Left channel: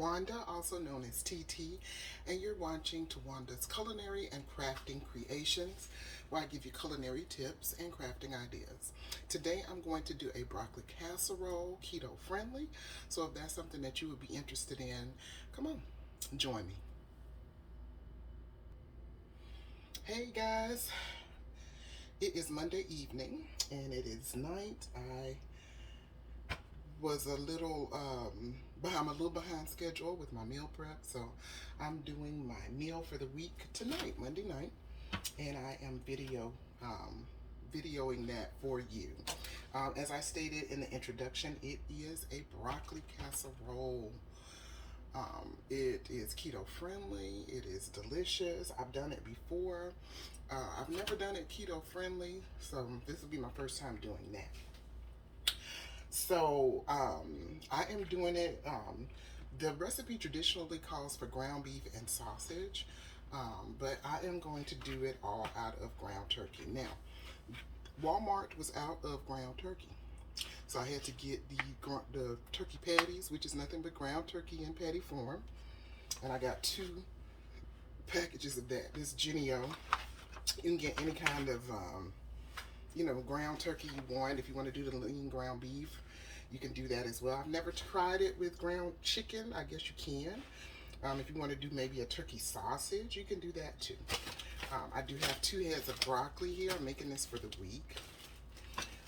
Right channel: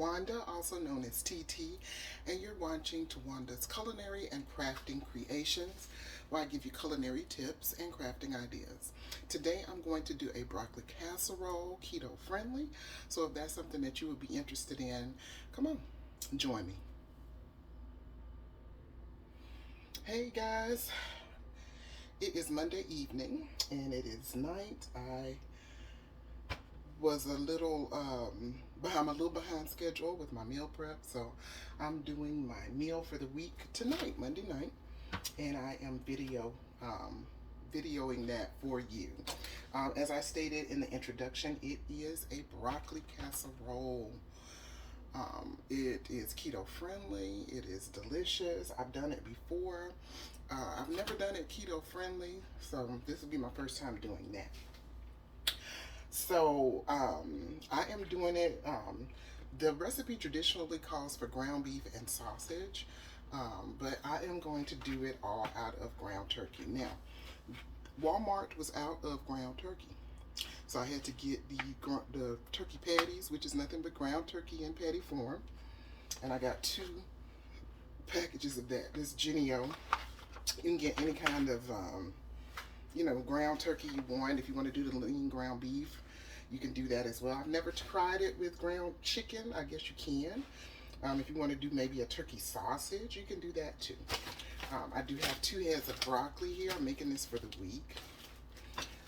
Wanda, also known as Teetee, and you're watching Tawanda's Culinary and Crafting Creations, where I give you culinary tips and crafting ideas. Today I'm going to do a broccoli casserole, keto friendly, so if that's something that you would be interested in, come on, join me. Hey guys, it is Monday evening and it is night. I was a little I'm a little behind schedule with my meal prep, so I'm doing my meal for the week tonight, Monday night, and I am videoing that for you. As I stated in the introduction, it is a broccoli casserole. It is keto friendly. It is delicious. I've done it before. I've never done it keto friendly, so this will be my first time doing that. So I am doing it. The recipe traditionally calls for ground beef and sausage, but I am going to do it all out of ground turkey. Now, Walmart was out of ground turkey, so I had to get the turkey patties, which is nothing but ground turkey in patty form, and I got 2 packages of that. This Genio, you can get any kind of ground turkey you want. If you want to do the lean ground beef, you can do that as well. I've never tried it with ground chicken. I guess you can. If you want to do maybe a turkey sausage, you can do that too. I do have 2 heads of broccoli here. I'm making this for the week.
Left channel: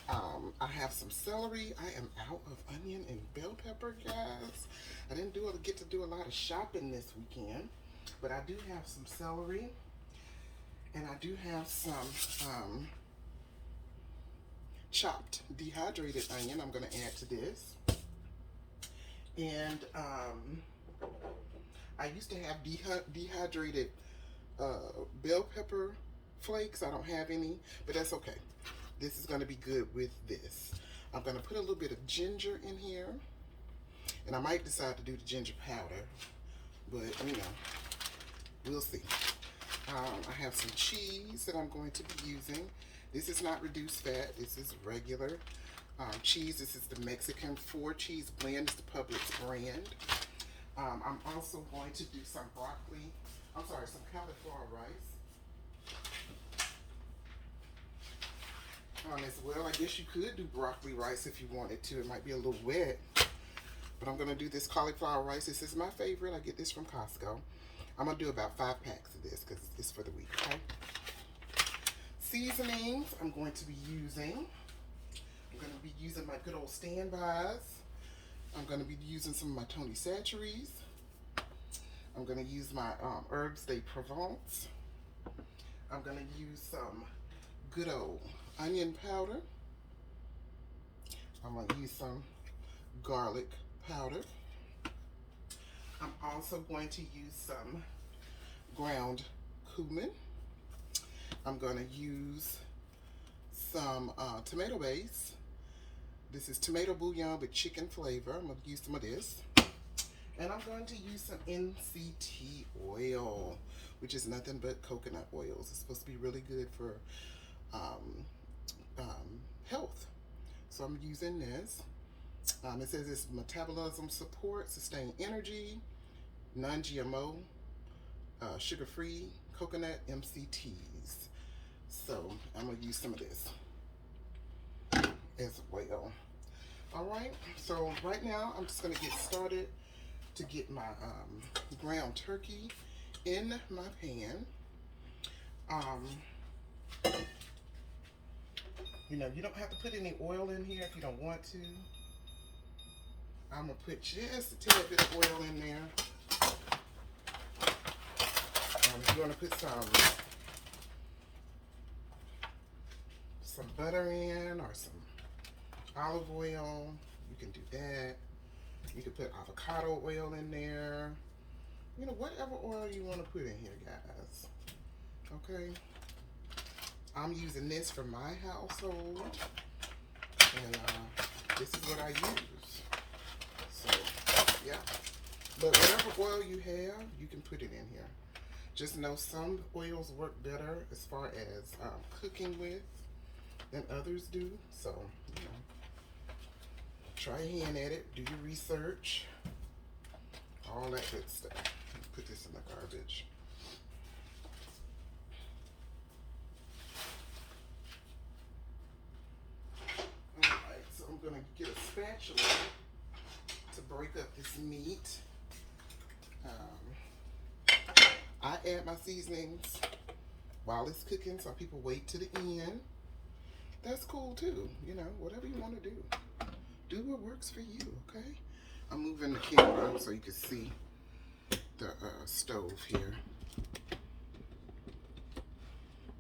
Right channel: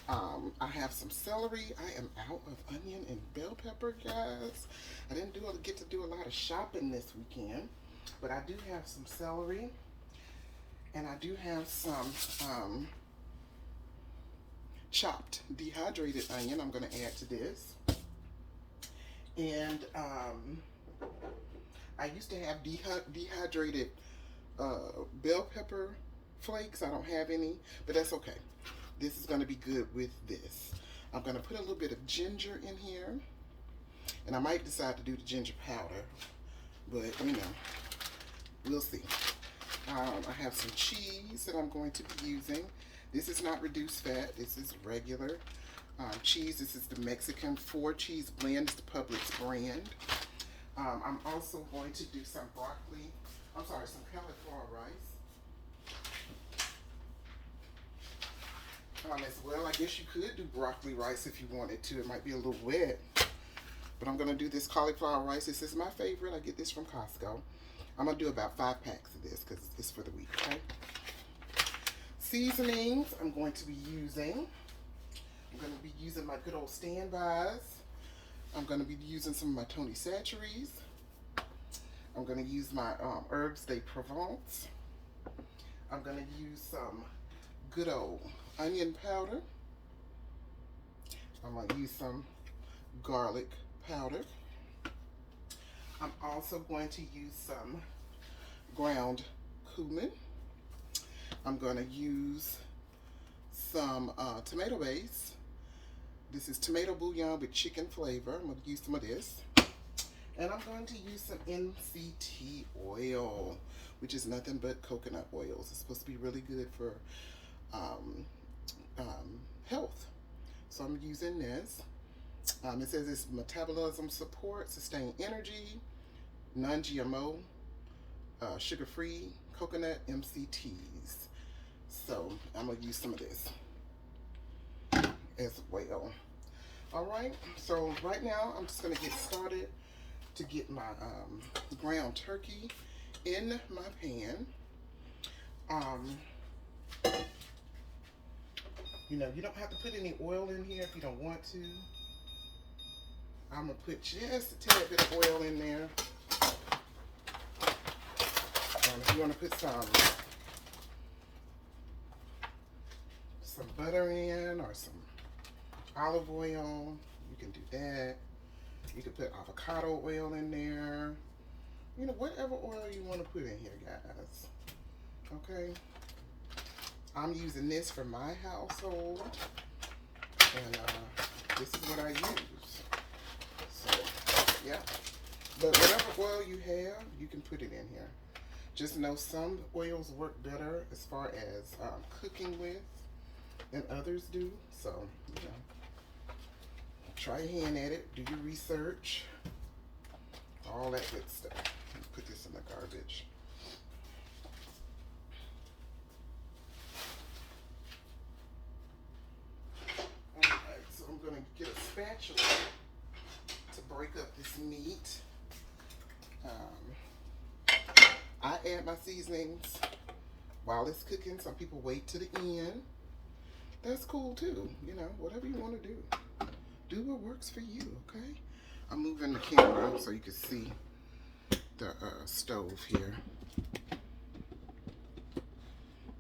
I have some celery. I am out of onion and bell pepper, guys. I didn't get to do a lot of shopping this weekend, but I do have some celery, and I do have some chopped dehydrated onion I'm going to add to this. And I used to have dehydrated bell pepper flakes. I don't have any, but that's okay. This is going to be good with this. I'm going to put a little bit of ginger in here, and I might decide to do the ginger powder, but we'll see. I have some cheese that I'm going to be using. This is not reduced fat. This is regular cheese. This is the Mexican 4-cheese blend. It's the Publix brand. I'm also going to do some some cauliflower rice as well. I guess you could do broccoli rice if you wanted to. It might be a little wet, but I'm going to do this cauliflower rice. This is my favorite. I get this from Costco. I'm going to do about 5 packs of this because it's for the week, okay? Seasonings I'm going to be using. I'm going to be using my good old standbys. I'm going to be using some of my Tony Chachere's. I'm going to use my Herbes de Provence. I'm going to use some good old onion powder. I'm going to use some garlic powder. I'm also going to use some ground cumin. I'm going to use some tomato base. This is tomato bouillon with chicken flavor. I'm going to use some of this. And I'm going to use some MCT oil, which is nothing but coconut oils. It's supposed to be really good for health. So I'm using this. It says it's metabolism support, sustain energy, non-GMO, sugar-free coconut MCTs. So I'm going to use some of this as well. All right, so right now I'm just going to get started to get my ground turkey in my pan. You don't have to put any oil in here if you don't want to. I'm going to put just a tad bit of oil in there. If you want to put some butter in or some olive oil, you can do that. You can put avocado oil in there. Whatever oil you want to put in here, guys. Okay. I'm using this for my household, and this is what I use. So, yeah. But whatever oil you have, you can put it in here. Just know some oils work better as far as cooking with than others do. So, try your hand at it. Do your research. all that good stuff. Put this in the garbage. Alright, so I'm going to get a spatula to break up this meat. I add my seasonings while it's cooking. Some people wait to the end. That's cool too. You know, whatever you want to do. Do what works for you, okay? I'm moving the camera so you can see the stove here.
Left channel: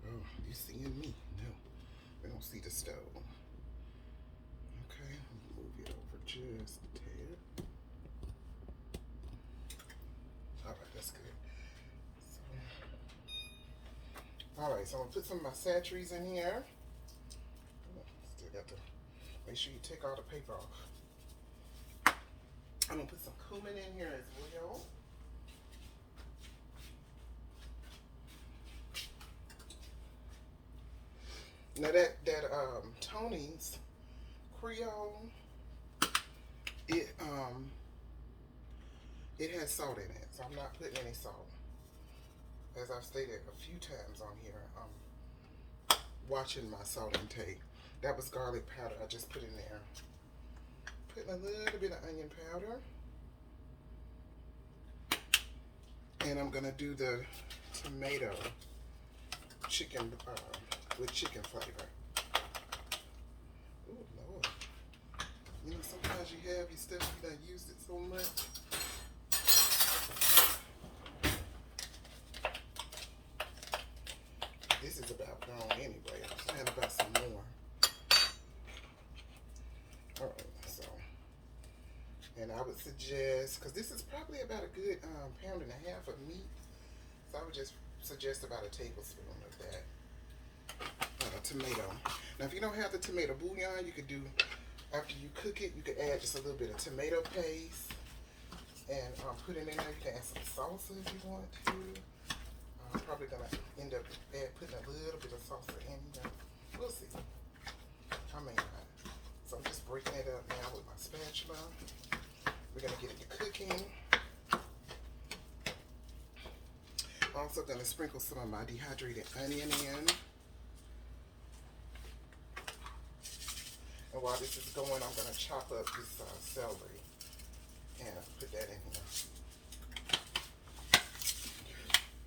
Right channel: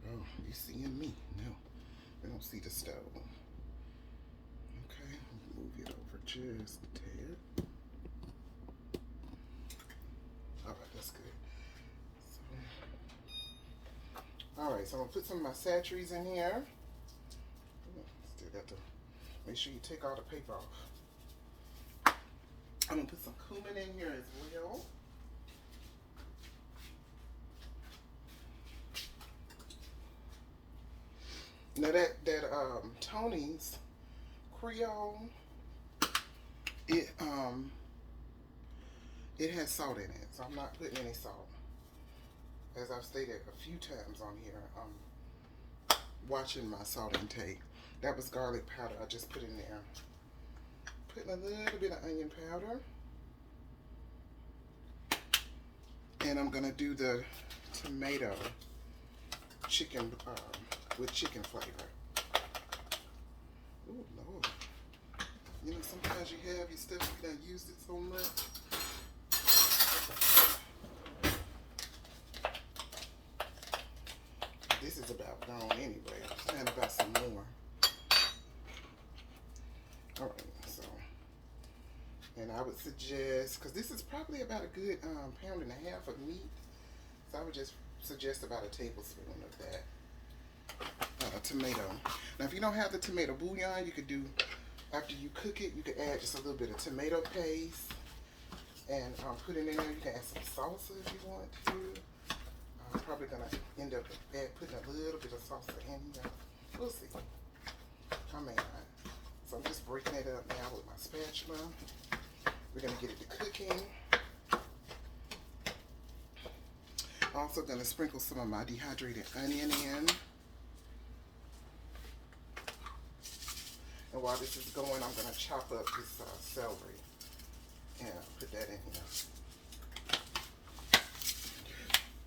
Oh, you seeing me? No, you don't see the stove. Okay, move it over just a tad. All right, that's good. Alright, so I'm going to put some of my sachets in here. Still got to make sure you take all the paper off. I'm going to put some cumin in here as well. Now that Tony's Creole, it has salt in it, so I'm not putting any salt. As I've stated a few times on here, watching my salt intake. That was garlic powder I just put in there. Putting a little bit of onion powder. And I'm going to do the tomato chicken with chicken flavor. Oh, Lord. You know, sometimes you have your stuff, you done used it so much. This is about gone anyway. And about some more. Alright, so. And I would suggest, because this is probably about a good pound and a half of meat. So I would just suggest about a tablespoon of that. Tomato. Now if you don't have the tomato bouillon, you could do, after you cook it, you could add just a little bit of tomato paste. And put it in there. You can add some salsa if you want to. I'm probably going to end up putting a little bit of salsa in here. We'll see. I may not. So I'm just breaking it up now with my spatula. We're going to get it to cooking. Also going to sprinkle some of my dehydrated onion in. And while this is going, I'm going to chop up this celery. And put that in here.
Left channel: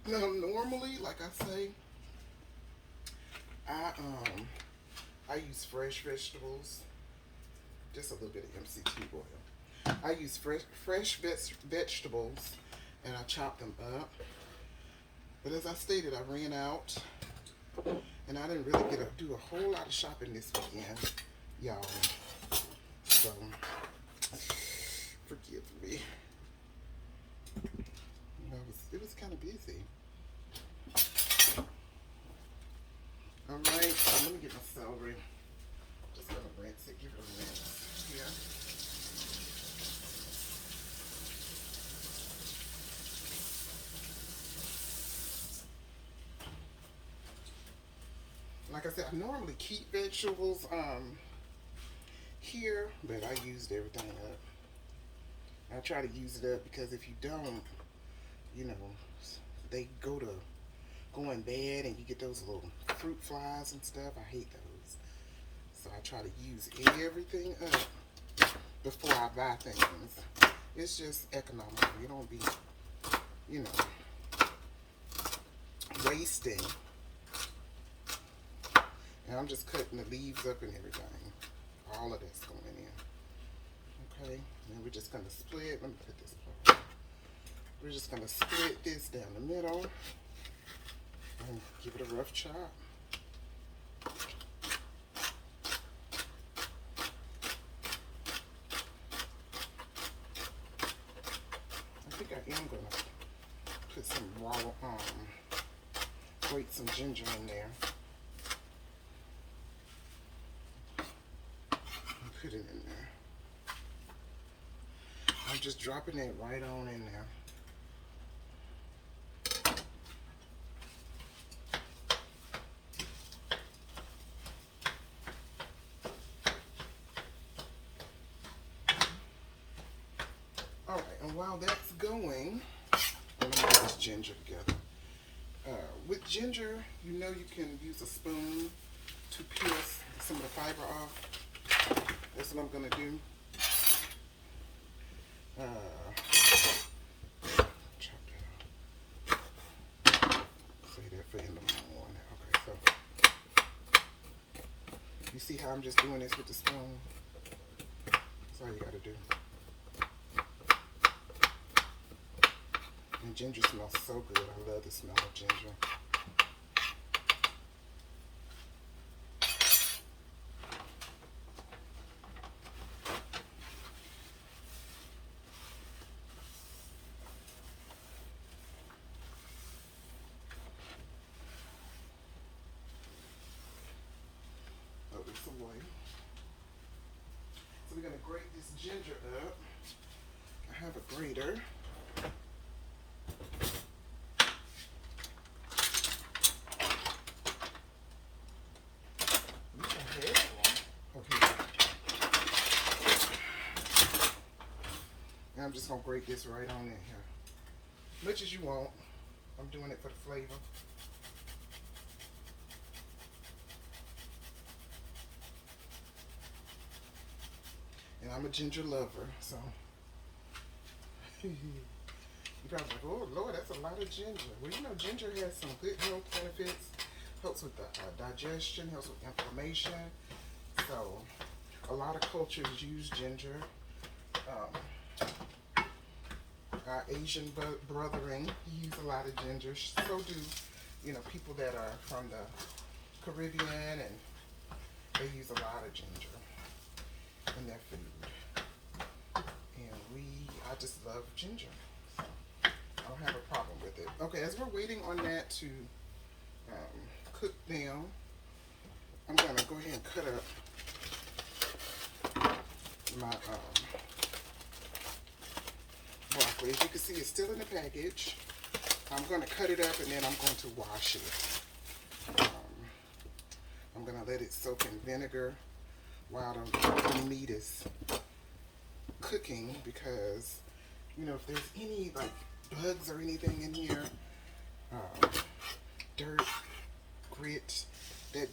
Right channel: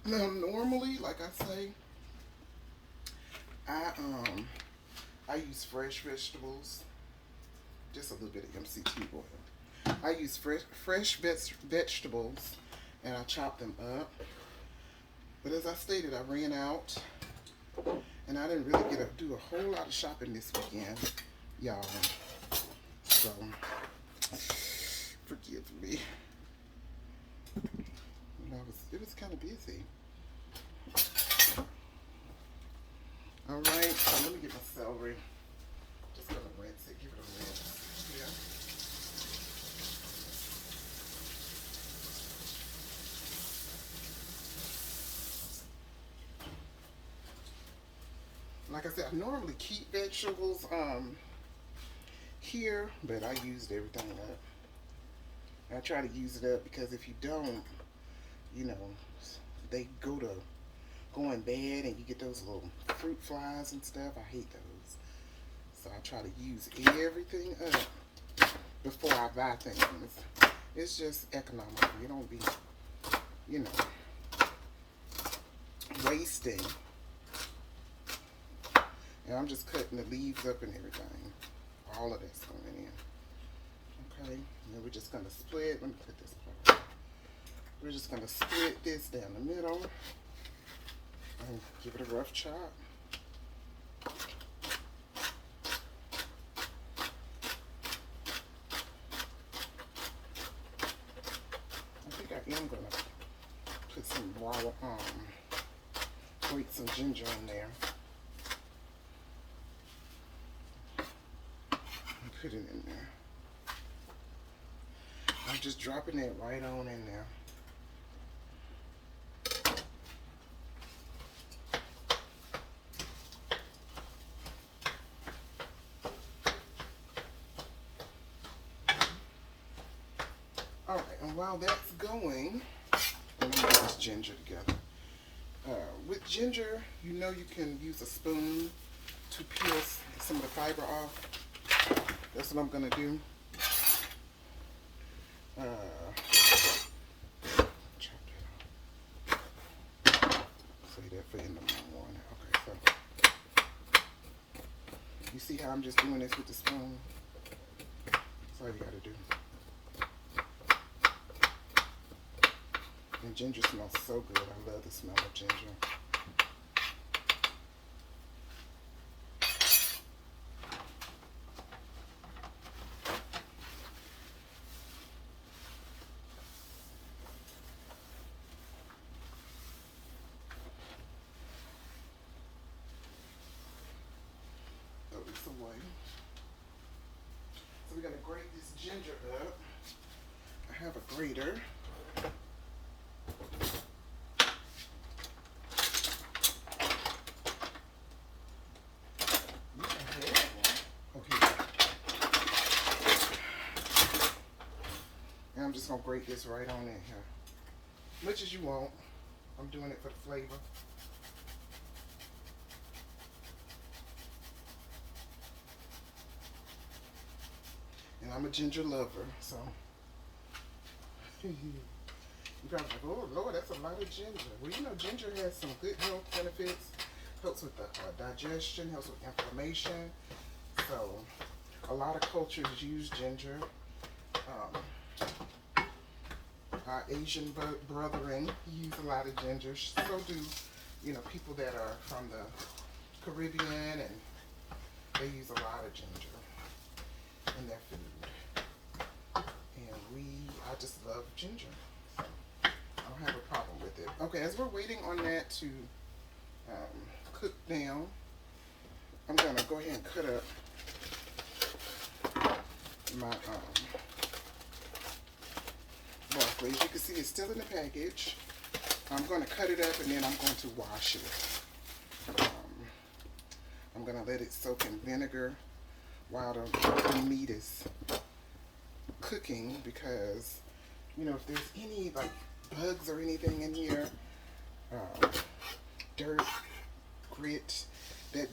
Now, normally, like I say, I use fresh vegetables, just a little bit of MCT oil. I use fresh vegetables, and I chop them up. But as I stated, I ran out, and I didn't really do a whole lot of shopping this weekend, y'all. So, forgive me. It was kind of busy. Alright, so let me get my celery. Just gonna rinse it, give it a rinse here. Like I said, I normally keep vegetables here, but I used everything up. I try to use it up because if you don't, you know, they go to going bad and you get those little fruit flies and stuff. I hate those. So I try to use everything up before I buy things. It's just economical. You don't be, you know, wasting. And I'm just cutting the leaves up and everything. All of this going in. Okay, and we're just gonna split. Let me put this part. We're just gonna split this down the middle and give it a rough chop. I think I am gonna put some raw, grate some ginger in there. And put it in there. I'm just dropping it right on in there. Alright, and while that's going, let me get this ginger together. With ginger, you know you can use a spoon to peel some of the fiber off. That's what I'm going to do. Chop that off. Save that for in the morning. Okay, so you see how I'm just doing this with the spoon? That's all you got to do. And ginger smells so good. I love the smell of ginger. Put this away. So we're going to grate this ginger up. I have a grater. I'm just going to grate this right on in here. Much as you want. I'm doing it for the flavor. And I'm a ginger lover, so. You're probably like, oh Lord, that's a lot of ginger. Well, you know, ginger has some good health benefits. Helps with the digestion, helps with inflammation. So, a lot of cultures use ginger. Our Asian brethren use a lot of ginger. So do, you know, people that are from the Caribbean, and they use a lot of ginger in their food. And I just love ginger. I don't have a problem with it. Okay, as we're waiting on that to cook down, I'm gonna go ahead and cut up my broccoli. As you can see, it's still in the package. I'm going to cut it up and then I'm going to wash it. I'm going to let it soak in vinegar while the meat is cooking, because, you know, if there's any like bugs or anything in here, dirt, grit, that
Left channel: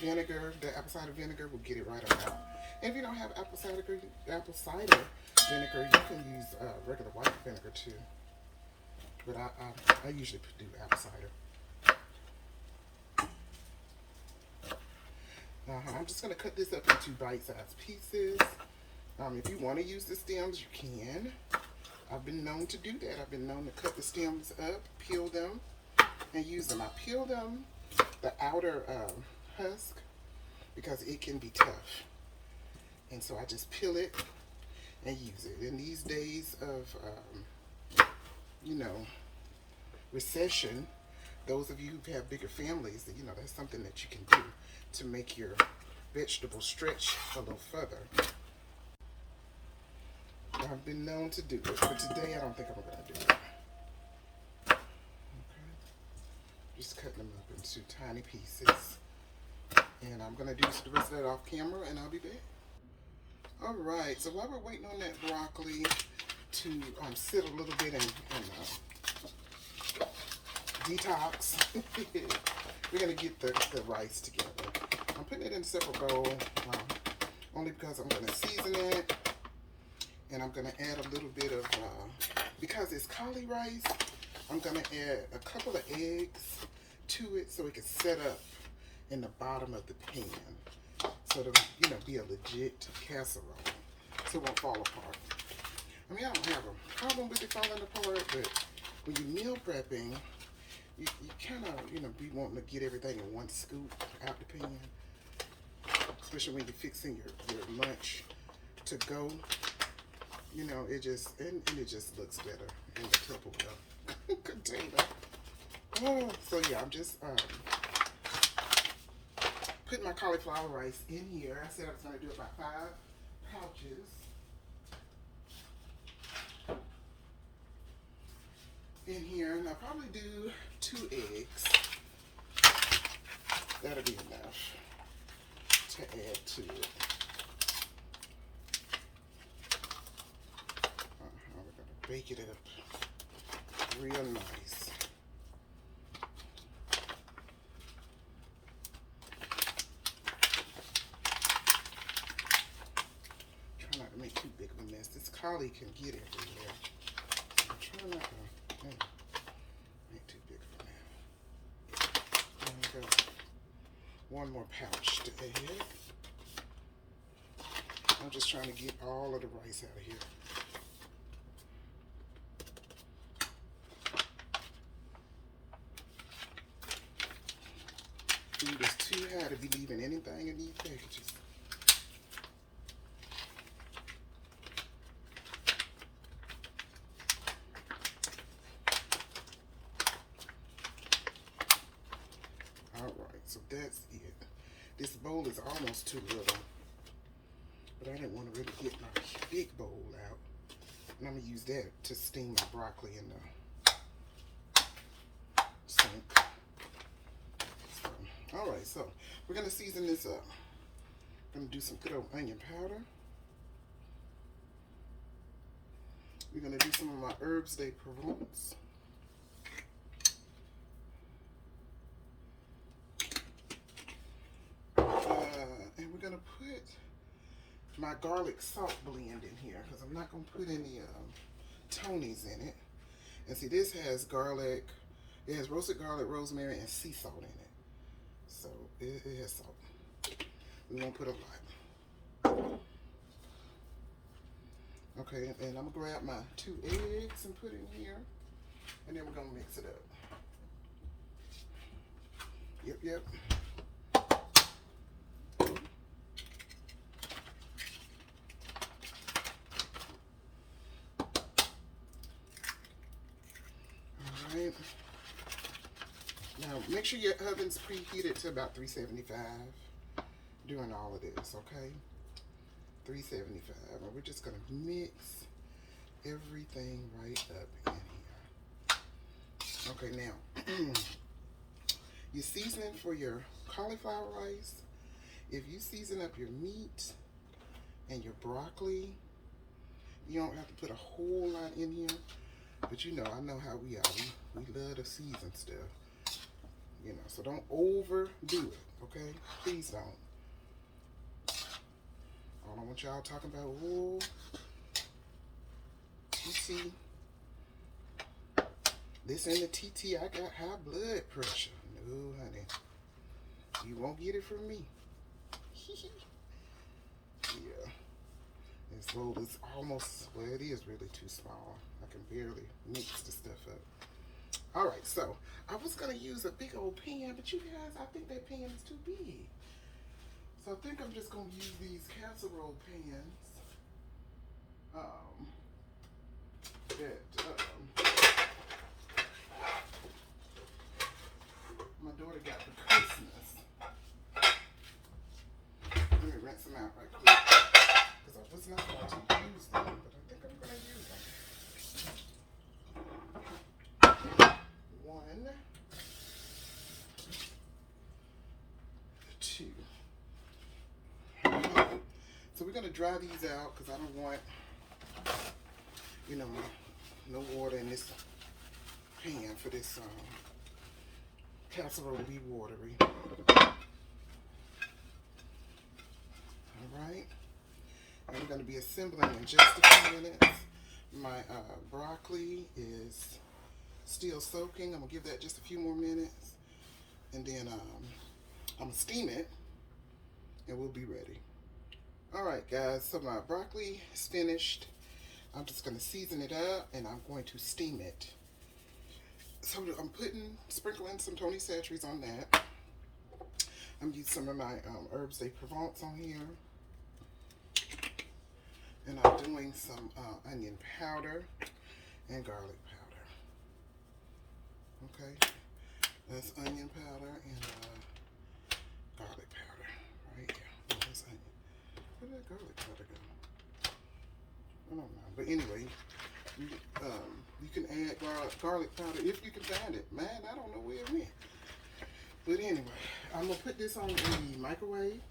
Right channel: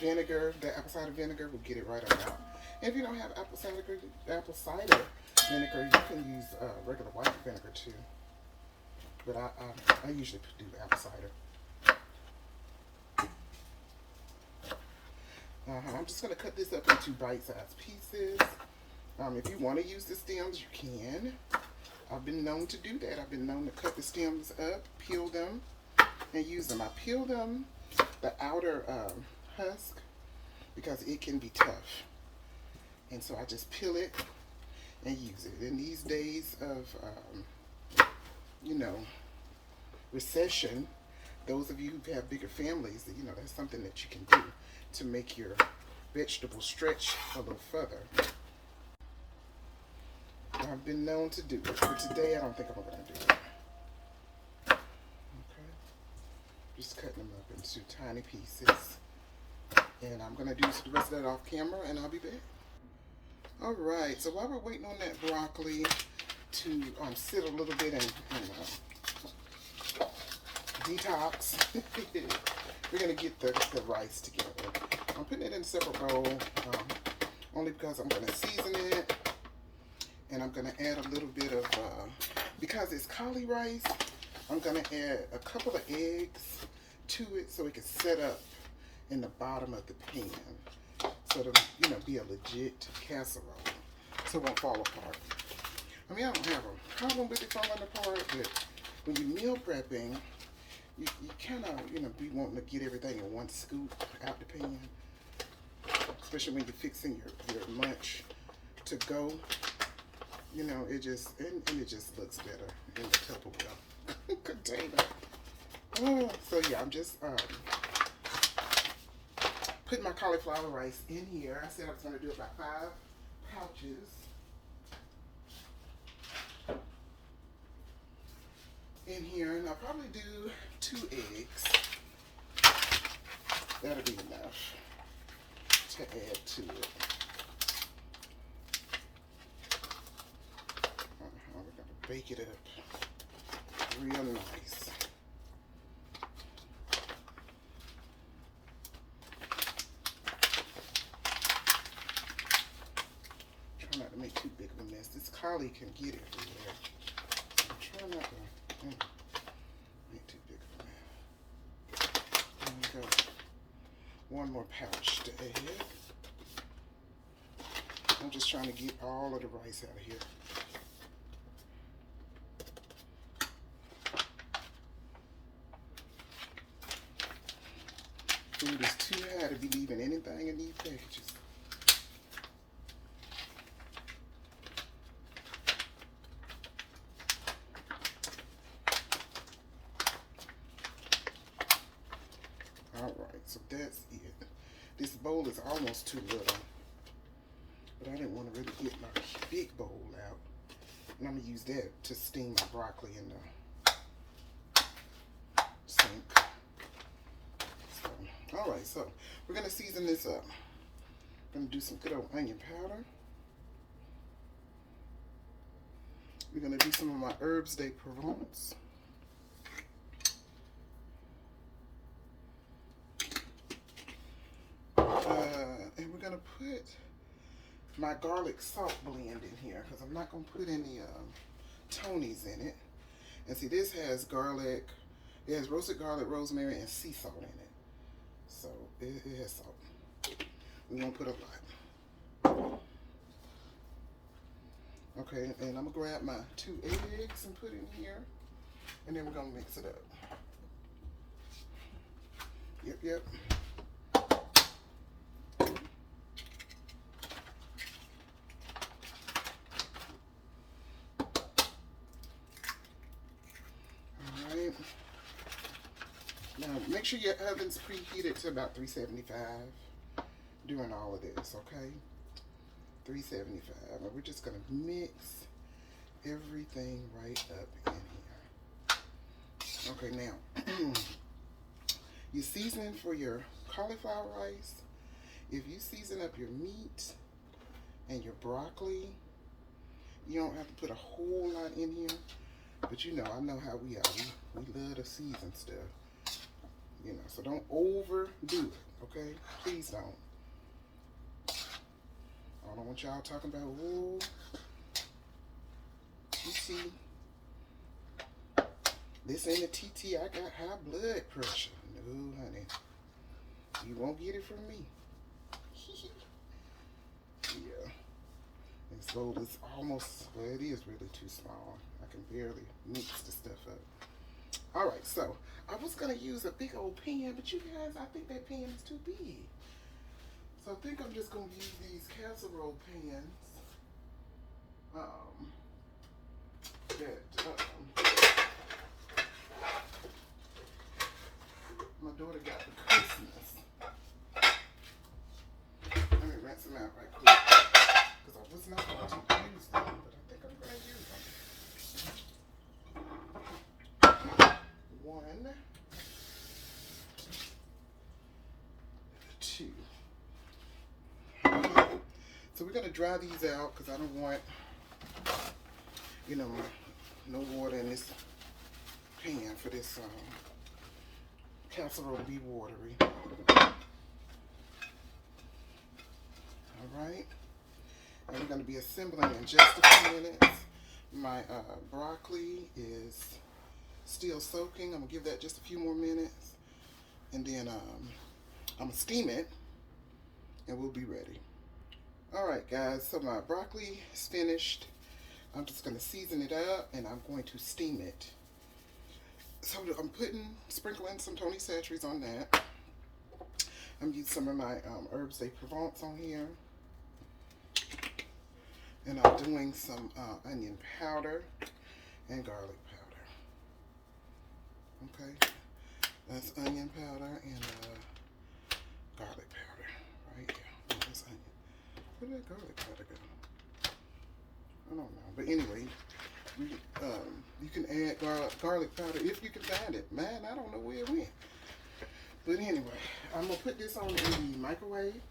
vinegar, the apple cider vinegar will get it right on out. If you don't have apple cider vinegar, you can use regular white vinegar too. But I usually do apple cider. I'm just going to cut this up into bite-sized pieces. If you want to use the stems, you can. I've been known to do that. I've been known to cut the stems up, peel them, and use them. I peel them, the outer husk, because it can be tough. And so I just peel it and use it. In these days of, you know, recession, those of you who have bigger families, you know, that's something that you can do to make your vegetables stretch a little further. I've been known to do it, but today I don't think I'm going to do it. Okay. Just cutting them up into tiny pieces. And I'm going to do the rest of that off camera, and I'll be back. Alright, so while we're waiting on that broccoli to sit a little bit and detox, we're going to get the rice together. I'm putting it in a separate bowl, only because I'm going to season it, and I'm going to add a little bit of, because it's cauli rice, I'm going to add a couple of eggs to it so it can set up in the bottom of the pan. So it'll, you know, be a legit casserole, so it won't fall apart. I mean, I don't have a problem with it falling apart, but when you're meal prepping, you kind of, you know, be wanting to get everything in one scoop out the pan, especially when you're fixing your lunch to go. You know, it just looks better in the Tupperware container. Oh, so yeah, I'm just put my cauliflower rice in here. I said I was going to do about 5 pouches. In here, and I'll probably do 2 eggs. That'll be enough to add to it. bake it up real nice. Try not to make too big of a mess. This collie can get everywhere. So try not to make too big of a mess. And one more pouch to add. I'm just trying to get all of the rice out of here. Food is too high to be leaving anything in these packages. Alright, so that's it. This bowl is almost too little, but I didn't want to really get my big bowl out. And I'm going to use that to steam my broccoli in the sink. Alright, so we're going to season this up. I'm going to do some good old onion powder. We're going to do some of my herbs de Provence. And we're going to put my garlic salt blend in here because I'm not going to put any Tony's in it. And see, this has garlic, it has roasted garlic, rosemary, and sea salt in it. So it has salt. We won't put a lot. Okay, and I'm going to grab my 2 eggs and put in here. And then we're going to mix it up. Yep. Alright. Now, make sure your oven's preheated to about 375 during all of this, okay? 375. And we're just going to mix everything right up in here. Okay, now, your seasoning for your cauliflower rice, if you season up your meat and your broccoli, you don't have to put a whole lot in here. But you know, I know how we are. We love to season stuff. You know, so don't overdo it, okay? Please don't. I don't want y'all talking about, oh, you see, this ain't a Teetee, I got high blood pressure. No, honey. You won't get it from me. Yeah. This bowl is almost, well, it is really too small. I can barely mix the stuff up. Alright, so I was going to use a big old pan, but you guys, I think that pan is too big. So I think I'm just going to use these casserole pans. My daughter got for Christmas. Let me rinse them out right quick. Because I was not going to use them, but I think I'm going to use them. 1, 2. So we're going to dry these out because I don't want, you know, no water in this pan for this casserole to be watery. Alright. And we're going to be assembling in just a few minutes. My broccoli is still soaking. I'm going to give that just a few more minutes. And then I'm going to steam it. And we'll be ready. Alright guys, so my broccoli is finished. I'm just going to season it up and I'm going to steam it. So I'm sprinkling some Tony Chachere's on that. I'm using some of my herbs de Provence on here. And I'm doing some onion powder and garlic powder. Okay, that's onion powder and garlic powder. Right, yeah, that's onion. Where did that garlic powder go? I don't know, but anyway, you can add garlic powder if you can find it. Man, I don't know where it went. But anyway, I'm going to put this on in the microwave.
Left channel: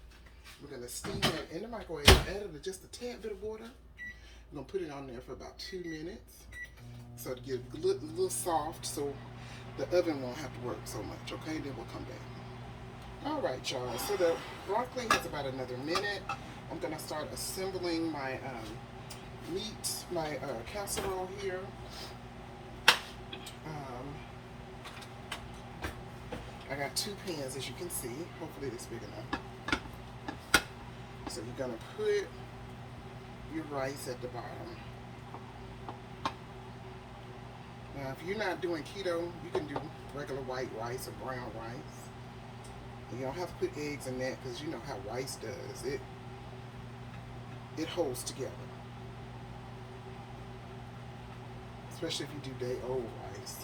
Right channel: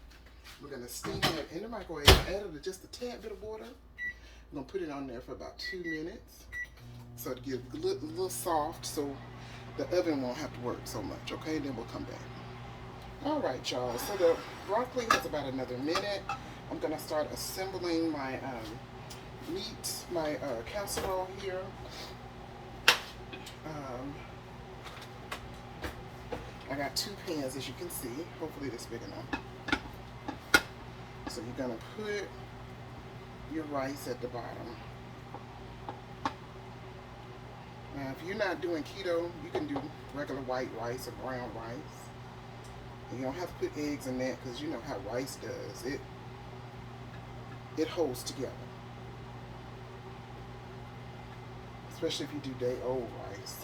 We're going to steam it in the microwave. I added just a tad bit of water. I'm going to put it on there for about 2 minutes. so to get a little soft, so the oven won't have to work so much. Okay, then we'll come back. All right, y'all. So the broccoli has about another minute. I'm gonna start assembling my meat, my casserole here. I got 2 pans, as you can see. Hopefully this is big enough. So you're gonna put your rice at the bottom. Now, if you're not doing keto, you can do regular white rice or brown rice. And you don't have to put eggs in that because you know how rice does. It holds together. Especially if you do day-old rice.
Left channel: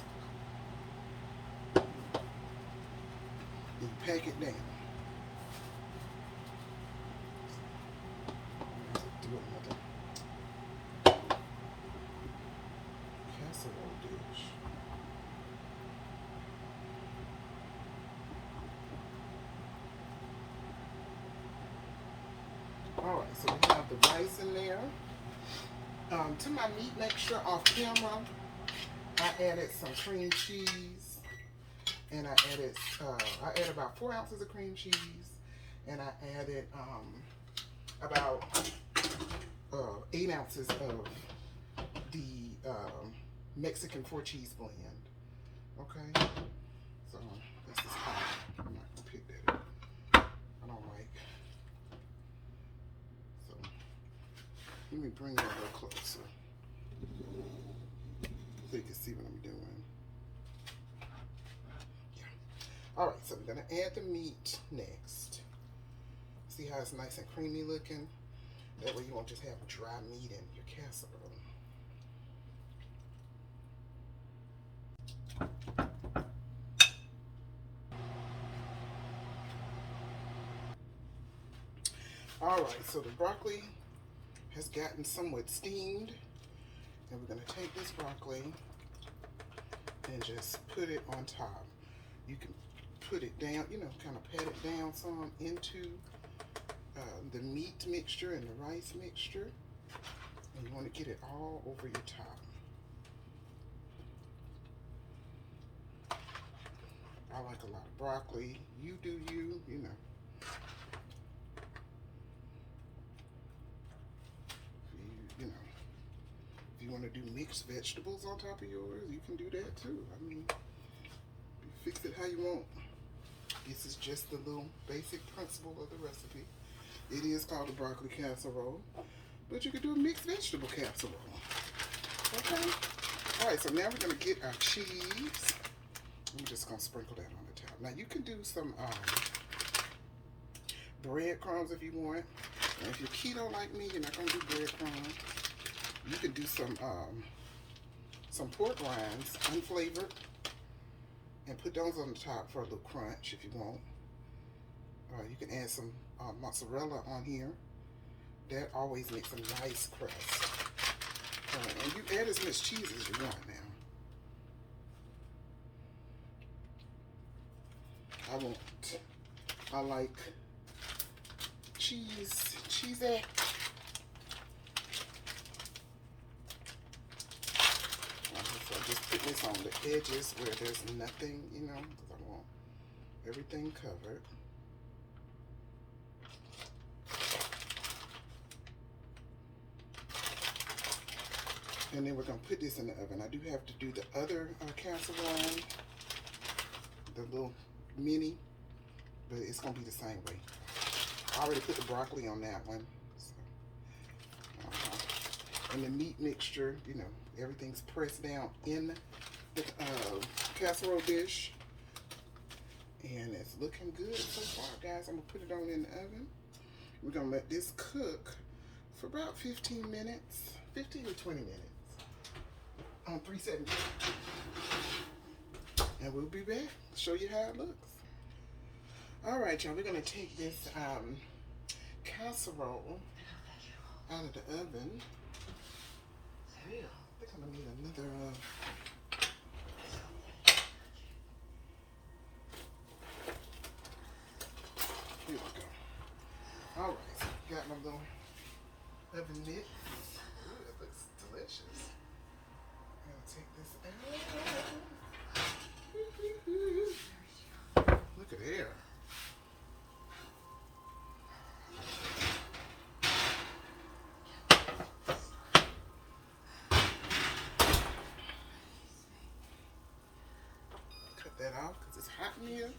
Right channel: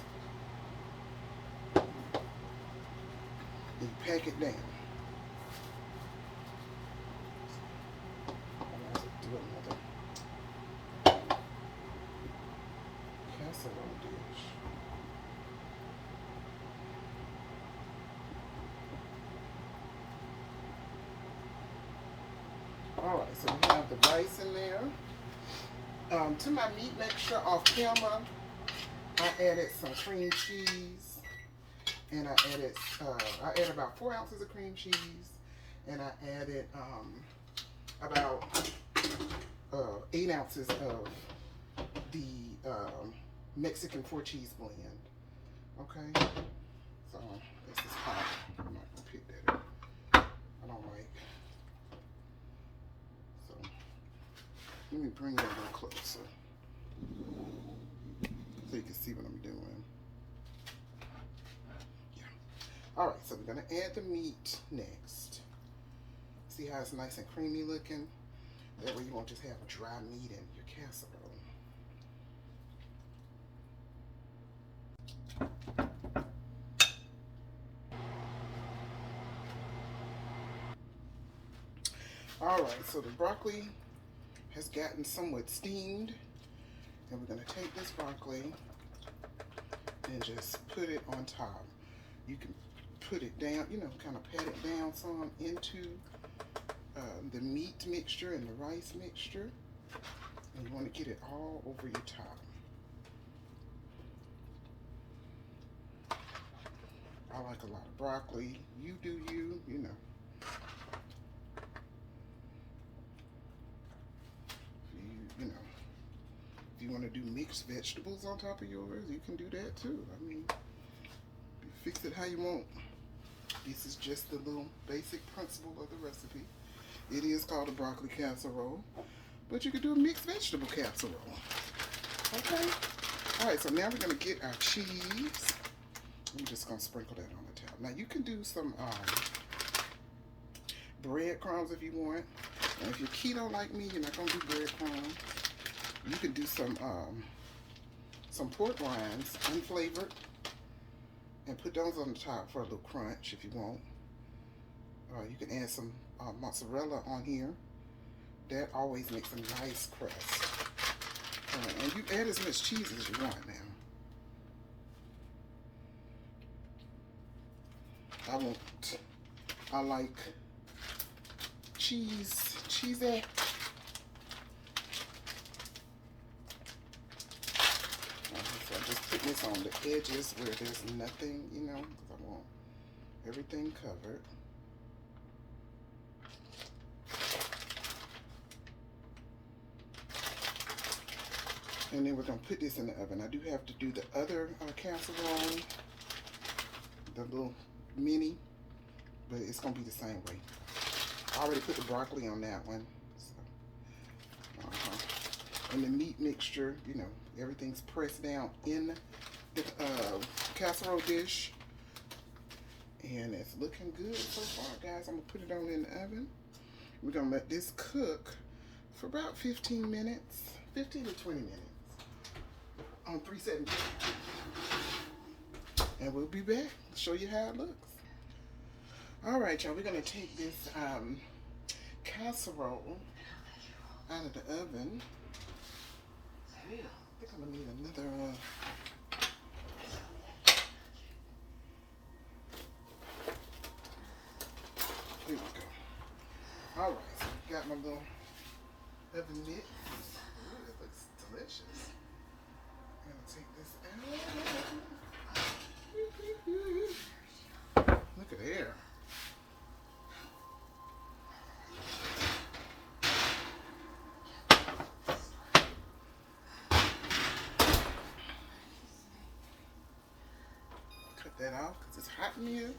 You pack it down. Do another casserole dish. Alright, so we have the rice in there. To my meat mixture off camera, I added some cream cheese. And I added about 4 ounces of cream cheese, and I added about 8 ounces of the Mexican 4-cheese blend. Okay, so this is hot. I'm not gonna pick that up. I don't like. So let me bring it a little closer so you can see what I'm doing. All right, so we're gonna add the meat next. See how it's nice and creamy looking? That way you won't just have dry meat in your casserole. All right, so the broccoli has gotten somewhat steamed, and we're gonna take this broccoli and just put it on top. You can put it down, you know, kind of pat it down some into the meat mixture and the rice mixture. And you want to get it all over your top. I like a lot of broccoli. You do you, you know. You know, if you want to do mixed vegetables on top of yours, you can do that too. I mean, you fix it how you want. This is just the little basic principle of the recipe. It is called a broccoli casserole, but you could do a mixed vegetable casserole. Okay? All right, so now we're gonna get our cheese. I'm just gonna sprinkle that on the top. Now you can do some breadcrumbs if you want. And if you're keto like me, you're not gonna do breadcrumbs. You can do some pork rinds, unflavored, and put those on the top for a little crunch if you want. You can add some mozzarella on here. That always makes a nice crust. And you add as much cheese as you want now. I like cheesy. So I just put this on the edges where there's nothing, you know, because I want everything covered. And then we're going to put this in the oven. I do have to do the other casserole, the little mini, but it's going to be the same way. I already put the broccoli on that one. So, and the meat mixture, you know, everything's pressed down in the casserole dish. And it's looking good so far, guys. I'm going to put it on in the oven. We're going to let this cook for about 15 minutes, 15 to 20 minutes on 370. And we'll be back to show you how it looks. All right, y'all, we're going to take this casserole out of the oven. I think I'm going to need another... Here we go. All right, so got my little oven mitt. Ooh, it looks delicious. I'm gonna take out. Look at there. Cut that off because it's hot in here.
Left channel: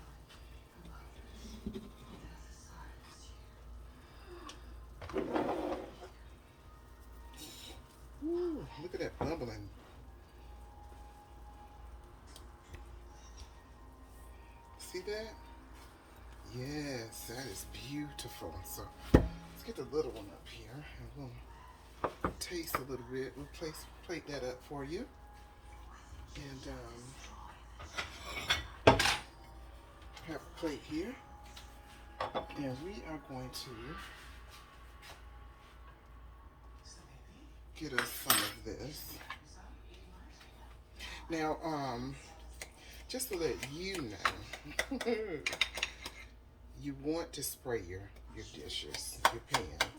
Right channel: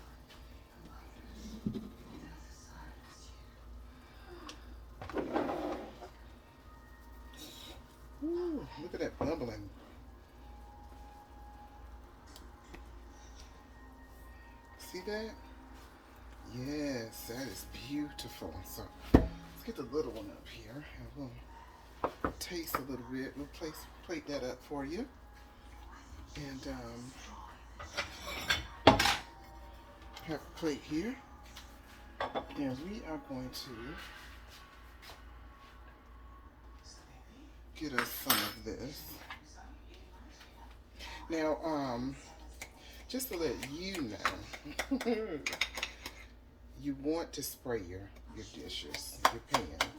Ooh, look at that bubbling. See that? Yes, that is beautiful. So let's get the little one up here and we'll taste a little bit. We'll plate that up for you. And have a plate here. And we are going to get us some of this. Now, just to let you know, you want to spray your dishes, your pans.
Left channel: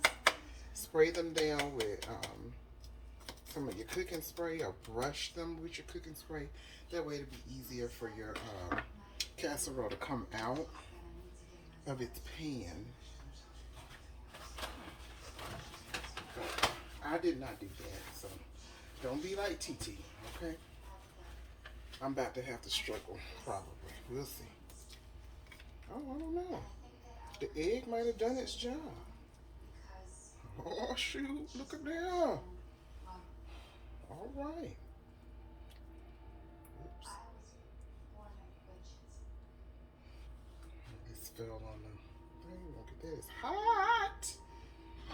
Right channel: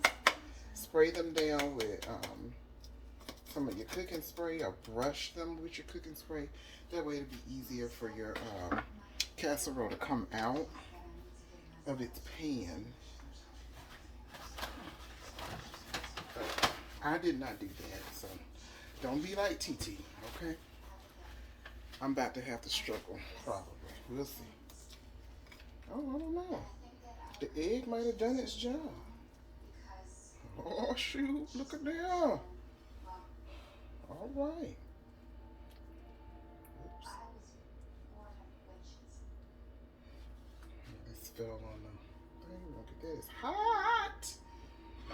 Spray them down with some of your cooking spray, or brush them with your cooking spray. That way it'll be easier for your casserole to come out of its pan. I did not do that, so don't be like Teetee, okay? I'm about to have to struggle, probably. We'll see. Oh, I don't know. The egg might have done its job. Oh, shoot. Look at there. All right. Oops. This fell on the thing. Look at that. It's hot.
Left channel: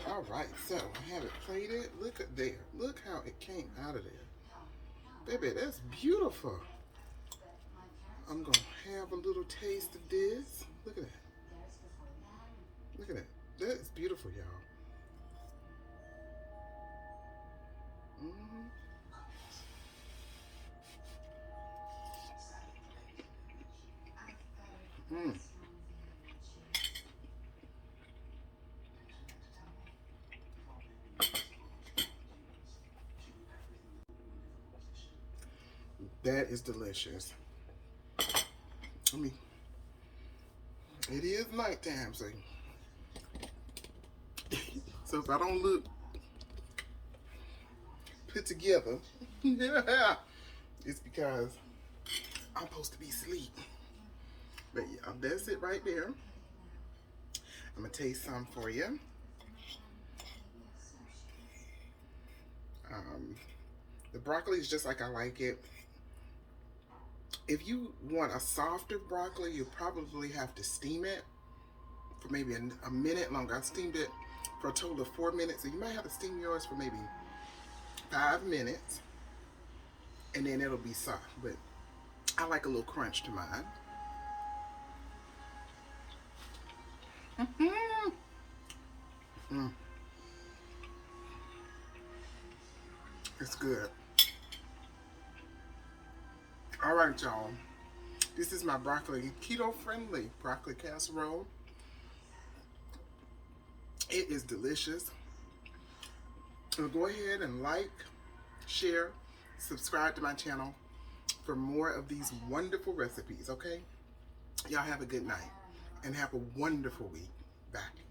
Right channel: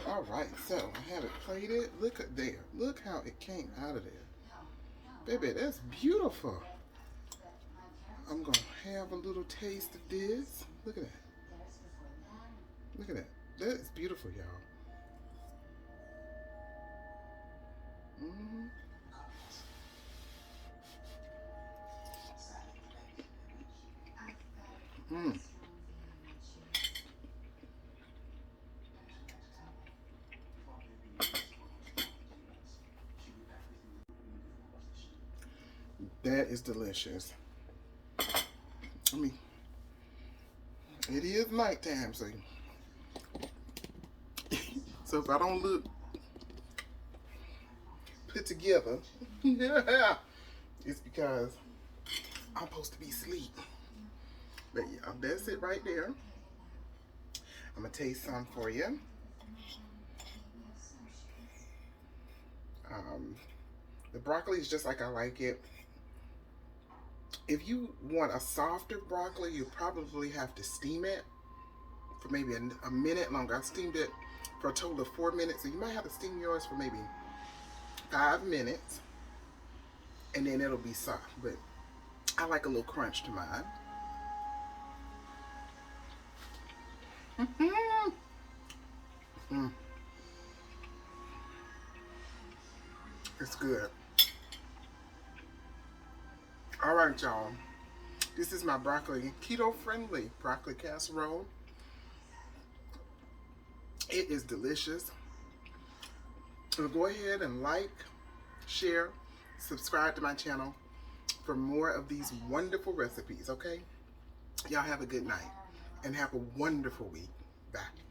All right. So, I have it plated. Look at there. Look how it came out of there. Baby, that's beautiful. I'm going to have a little taste of this. Look at that. Look at that. That is beautiful, y'all. That is delicious. It is nighttime, so if I don't look put together, yeah, it's because I'm supposed to be asleep. But yeah, that's it right there. I'm gonna taste some for you. The broccoli is just like I like it. If you want a softer broccoli, you probably have to steam it for maybe a minute longer. I steamed it for a total of 4 minutes, so you might have to steam yours for maybe 5 minutes, and then it'll be soft. But I like a little crunch to mine. It's good. All right, y'all. This is my broccoli, keto-friendly broccoli casserole. It is delicious. So go ahead and like, share, subscribe to my channel for more of these wonderful recipes, okay? Y'all have a good night and have a wonderful week. Bye.